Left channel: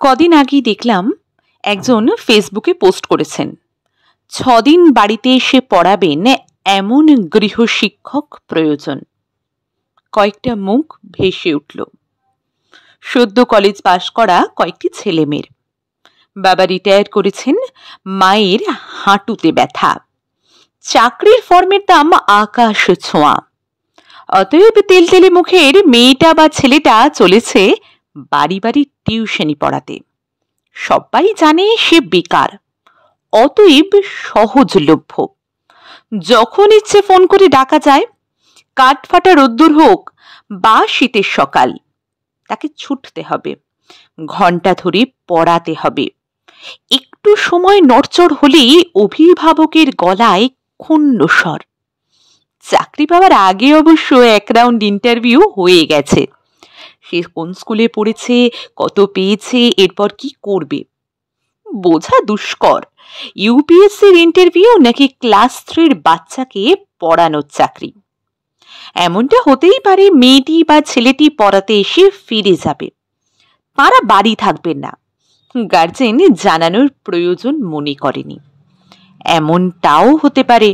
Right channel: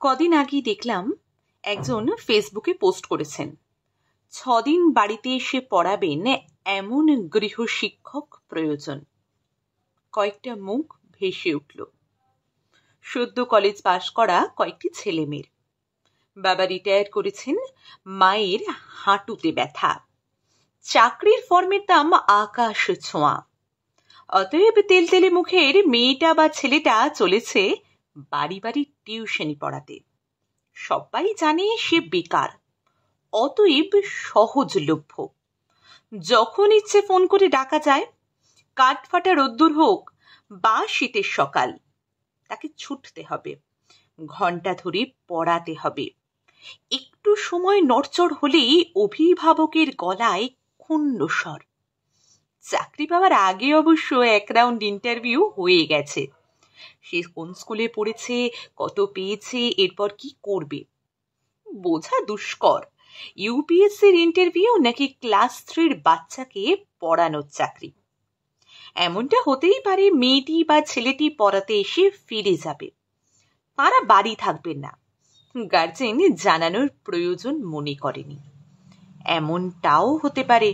কদিন আগেই দেখলাম একজন ফেসবুকে পোস্ট করেছেন 6 দিন বাড়িতে এসে পড়াবেন এমন গৃহশিক্ষক প্রয়োজন। কয়েকটা মুখ ভেসে উঠল। সদ্য কলেজ পাশ করা কয়েকটি ছেলেমেয়ের। বাবা রিটায়ার করেছেন, মায়ের হাঁটুতে ব্যথা, চাকরির ফর্মের দাম আকাশ ছোঁয়া। অতএব তেলতেলে মুখের মেয়েটা বা ছেলেটা চলেছে বাড়ি বাড়ি টিউশনি পড়াতে। সবাই জানে সে বেকার, অতএব সহজলভ্য। যখন ইচ্ছে ফোন করে ডাকা যায়, কাঠফাটা রোদ্দুর হোক বা শীতের সকাল, তাকে ছুটতে হবে, ঘন্টা ধরে পড়াতে হবে। একটু সময় নড়চড় হলেই অভিভাবকের গলায় ক্ষুণ্ণ স্বর। চাকরি পাওয়ার আগে অবশ্য 1 রাউন্ড ইন্টারভিউ হয়ে গেছে। সে কোন স্কুলে পড়েছে, কত পেয়েছে, এরপর কি করবে বোঝা দুষ্কর। ইউপিএসসির ইন্টারভিউ নাকি ক্লাস 3-র বাচ্চাকে পড়ানোর চাকরি। এমনটা হতেই পারে মেয়েটি বা ছেলেটি পড়াতে এসে ফিরে যাবে, তারা বাড়ি থাকবেন না, গার্জেন জানানোর প্রয়োজন মনে করেনি। এমনটাও হতে পারে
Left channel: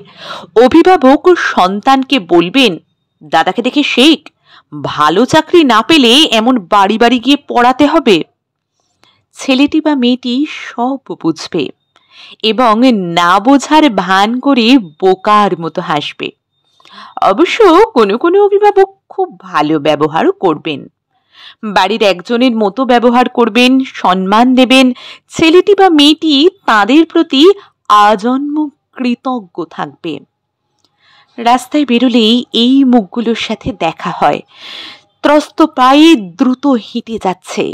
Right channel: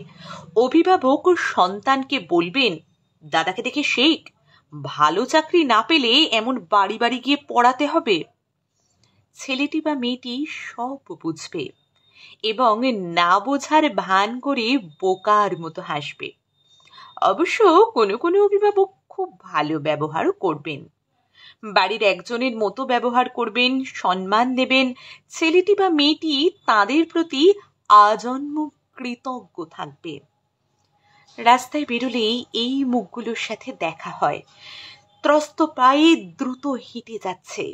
অভিভাবক সন্তানকে বলবেন, দাদাকে দেখে শেখ, ভালো চাকরি না পেলে এমন বাড়ি বাড়ি গিয়ে পড়াতে হবে। ছেলেটি বা মেয়েটি সব বুঝবে এবং না বোঝার ভান করে বোকার মতো হাসবে। অবশ্য কোনো কোনো অভিভাবক খুব ভালো ব্যবহারও করবেন, বাড়ির একজনের মতো ব্যবহার করবেন, সম্মান দেবেন। ছেলেটি বা মেয়েটি তাদের প্রতি আজন্ম কৃতজ্ঞ থাকবে। রাস্তায় বেরোলেই এই মুখগুলোর সাথে দেখা হয়। ত্রস্ত পায়ে দ্রুত হেঁটে যাচ্ছে,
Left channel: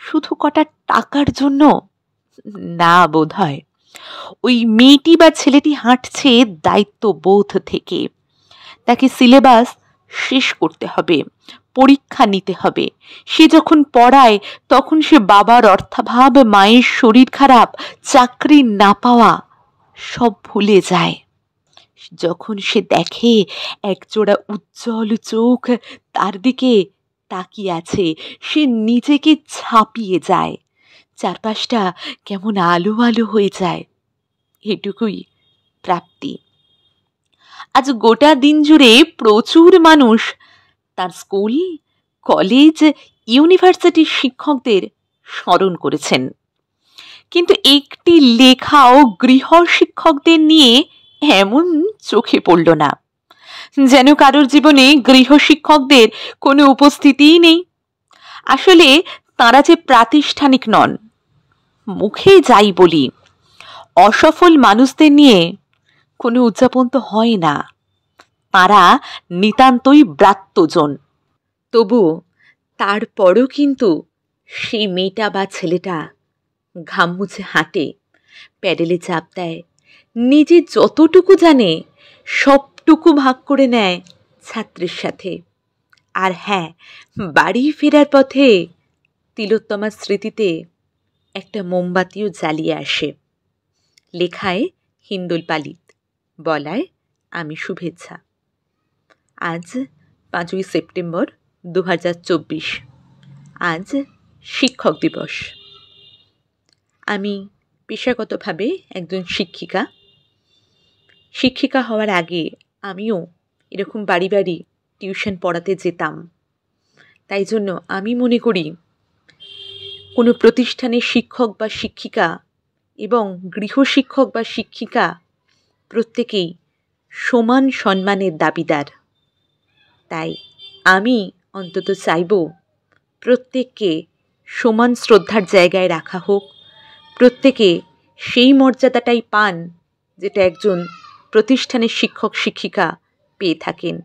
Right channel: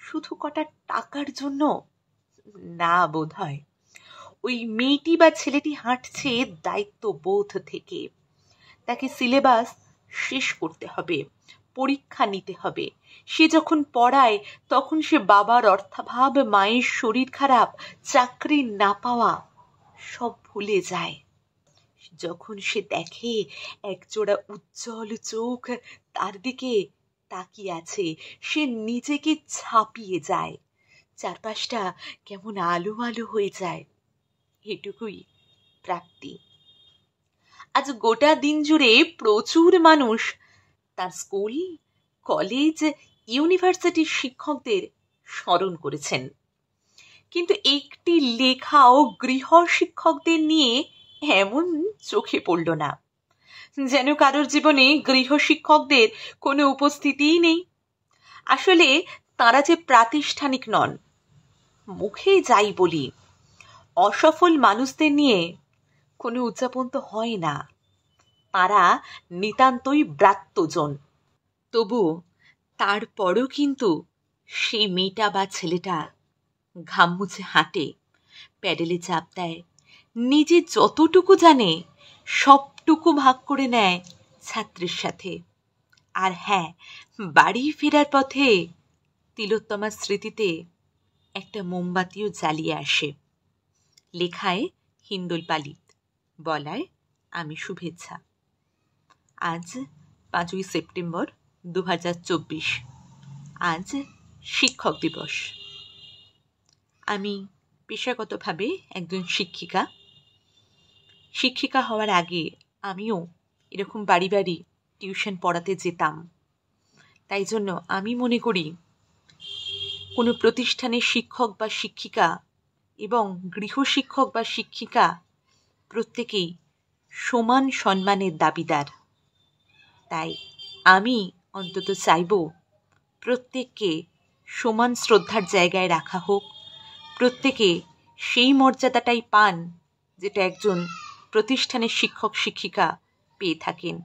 শুধু কটা টাকার জন্য না, বোধ হয় ওই মেয়েটি বা ছেলেটি হাঁটছে দায়িত্ববোধ থেকে। তাকে সিলেবাস শেষ করতে হবে, পরীক্ষা নিতে হবে। সে যখন পড়ায় তখন সে বাবার অর্থাভাব, মায়ের শরীর খারাপ, চাকরি না পাওয়া সব ভুলে যায়। যখন সে দেখে একজোড়া উজ্জ্বল চোখ তার দিকে তাকিয়ে আছে, সে নিজেকে ছাপিয়ে যায়, চারপাশটা কেমন আলো আলো হয়ে যায়। এটুকুই প্রাপ্তি। আজ গোটা দিন জুড়ে প্রচুর মানুষ তার স্কুল, কলেজ, ইউনিভার্সিটির শিক্ষকদের স্মরণ করেছেন, কিন্তু একটি লেখাও গৃহ শিক্ষকদের নিয়ে এমন চোখে পড়ল না, যেন কারোর জীবনে গৃহ শিক্ষকদের কোনো উপস্থিতিই নেই। আসলে তারা যে প্রাতিষ্ঠানিক নন, মুখে যাই বলি, অসফল মানুষদের নিয়ে কোনো উদযাপন তো হয় না। তারা নিতান্তই ব্রাত্যজন। তবু তারপরও কিন্তু সেই মেয়েটা বা ছেলেটা ঘাম মুছে হাঁটে, প্যাডেলে চাপ দেয়, নিজে যতটুকু জানে সবটুকু ভাগ করে নেয় ছাত্রীর সাথে। আর হ্যাঁ, বাড়ি ফেরার পথে তিলোত্তমার স্মৃতিতে একটা মোমবাতিও জ্বালিয়ে আসে। লেখায় হিন্দোল পালিত, বলায় আমি শুভেচ্ছা। আজ 5ই সেপ্টেম্বর 2024। আজ শিক্ষক দিবস। আমি পেশাগতভাবে একজন শিক্ষিকা। শিক্ষিকা হওয়ার আগে আমিও এরকম বাড়ি বাড়ি টিউশন পড়াতে যেতাম। তাই জন্য আমি মনে করি কোনো প্রতিষ্ঠানের শিক্ষক বা শিক্ষিকা এবং গৃহশিক্ষক বা শিক্ষিকা প্রত্যেকেই সমান সম্মানের দাবিদার। তাই আমি অন্তত চাইব প্রত্যেককে সমান শ্রদ্ধার জায়গায় রাখা হোক, প্রত্যেকে সেই মর্যাদাটাই পান যেটা একজন প্রতিষ্ঠানের শিক্ষক শিক্ষিকা পেয়ে থাকেন।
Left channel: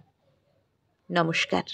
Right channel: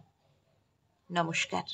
নমস্কার।